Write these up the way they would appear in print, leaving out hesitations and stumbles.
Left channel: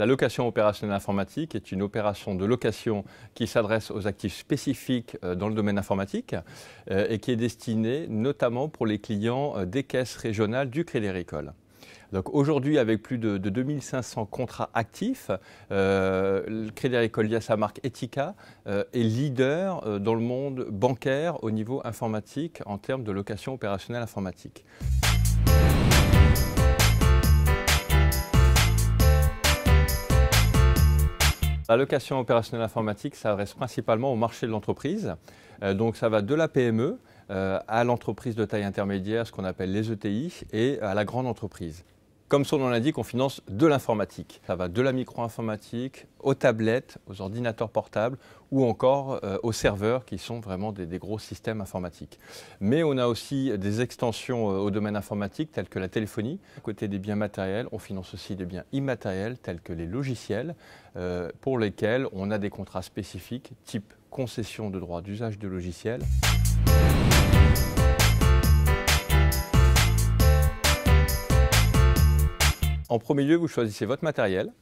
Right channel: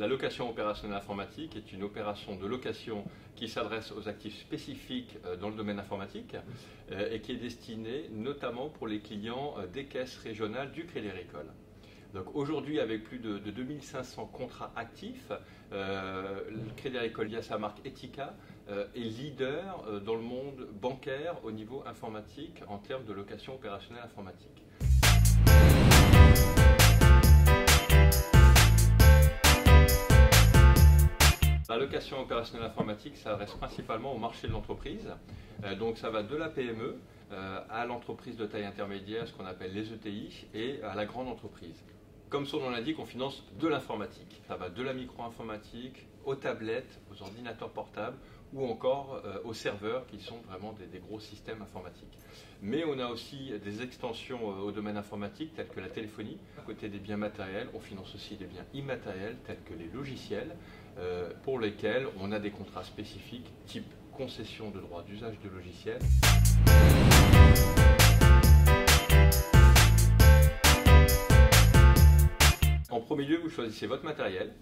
La location opérationnelle informatique est une opération de location qui s'adresse aux actifs spécifiques dans le domaine informatique et qui est destinée notamment pour les clients des caisses régionales du Crédit Agricole. Donc aujourd'hui, avec plus de 2500 contrats actifs, le Crédit Agricole, via sa marque Etica, est leader dans le monde bancaire au niveau informatique en termes de location opérationnelle informatique. La location opérationnelle informatique s'adresse principalement au marché de l'entreprise. Donc ça va de la PME à l'entreprise de taille intermédiaire, ce qu'on appelle les ETI, et à la grande entreprise. Comme son nom l'indique, on finance de l'informatique. Ça va de la micro-informatique aux tablettes, aux ordinateurs portables ou encore aux serveurs qui sont vraiment des gros systèmes informatiques. Mais on a aussi des extensions au domaine informatique telles que la téléphonie. À côté des biens matériels, on finance aussi des biens immatériels tels que les logiciels pour lesquels on a des contrats spécifiques type concession de droit d'usage de logiciels. En premier lieu, vous choisissez votre matériel,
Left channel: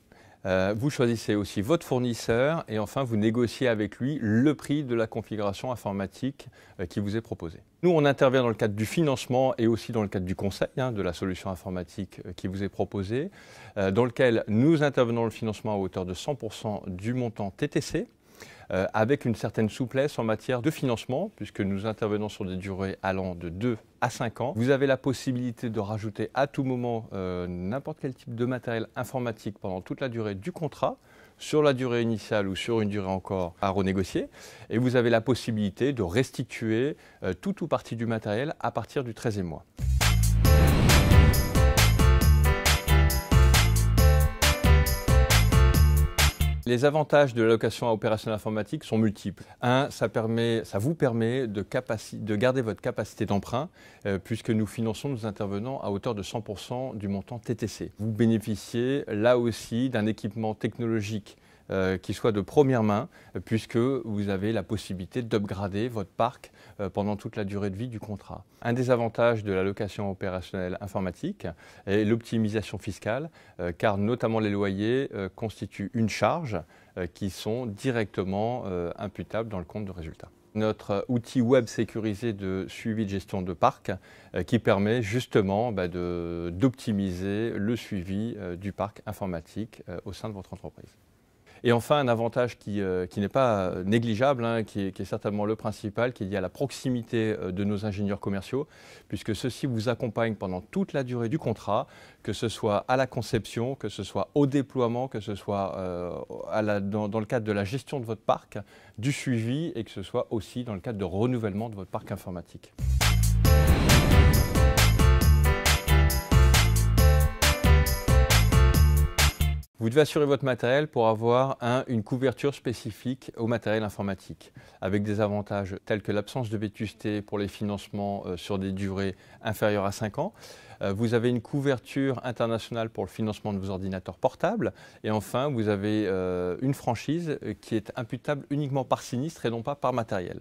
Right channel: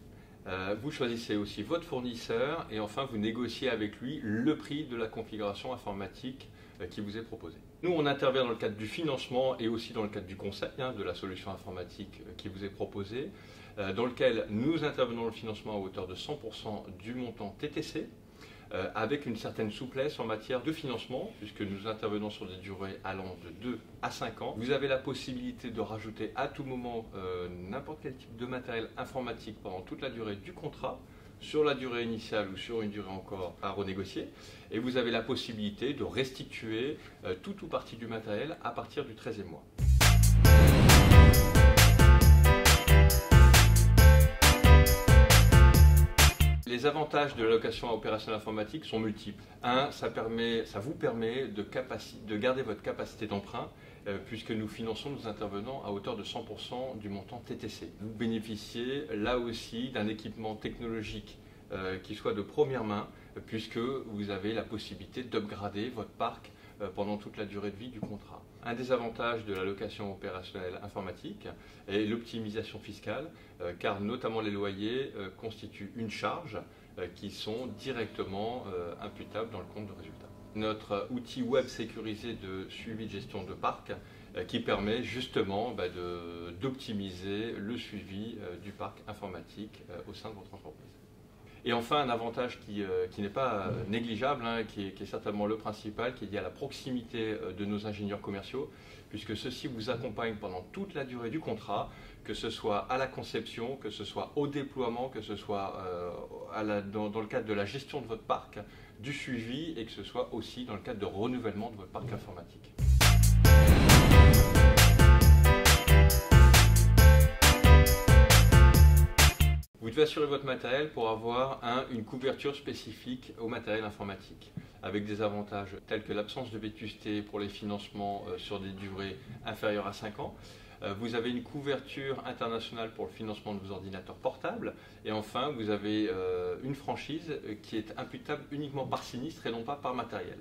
vous choisissez aussi votre fournisseur et enfin vous négociez avec lui le prix de la configuration informatique qui vous est proposée. Nous, on intervient dans le cadre du financement et aussi dans le cadre du conseil de la solution informatique qui vous est proposée, dans lequel nous intervenons le financement à hauteur de 100% du montant TTC, avec une certaine souplesse en matière de financement, puisque nous intervenons sur des durées allant de 2 à 5 ans. Vous avez la possibilité de rajouter à tout moment n'importe quel type de matériel informatique pendant toute la durée du contrat, sur la durée initiale ou sur une durée encore à renégocier. Et vous avez la possibilité de restituer tout ou partie du matériel à partir du 13e mois. Les avantages de la location opérationnelle informatique sont multiples. Un, ça vous permet de garder votre capacité d'emprunt puisque nous intervenons à hauteur de 100% du montant TTC. Vous bénéficiez là aussi d'un équipement technologique qui soit de première main puisque vous avez la possibilité d'upgrader votre parc pendant toute la durée de vie du contrat. Un des avantages de la location opérationnelle informatique est l'optimisation fiscale, car notamment les loyers constituent une charge qui sont directement imputables dans le compte de résultat. Notre outil web sécurisé de suivi de gestion de parc qui permet justement d'optimiser le suivi du parc informatique au sein de votre entreprise. Et enfin, un avantage qui n'est pas négligeable, qui est certainement le principal, qui est lié à la proximité de nos ingénieurs commerciaux, puisque ceux-ci vous accompagnent pendant toute la durée du contrat, que ce soit à la conception, que ce soit au déploiement, que ce soit dans le cadre de la gestion de votre parc, du suivi et que ce soit aussi dans le cadre de renouvellement de votre parc informatique. Vous devez assurer votre matériel pour avoir une couverture spécifique au matériel informatique, avec des avantages tels que l'absence de vétusté pour les financements sur des durées inférieures à 5 ans. Vous avez une couverture internationale pour le financement de vos ordinateurs portables. Et enfin, vous avez une franchise qui est imputable uniquement par sinistre et non pas par matériel.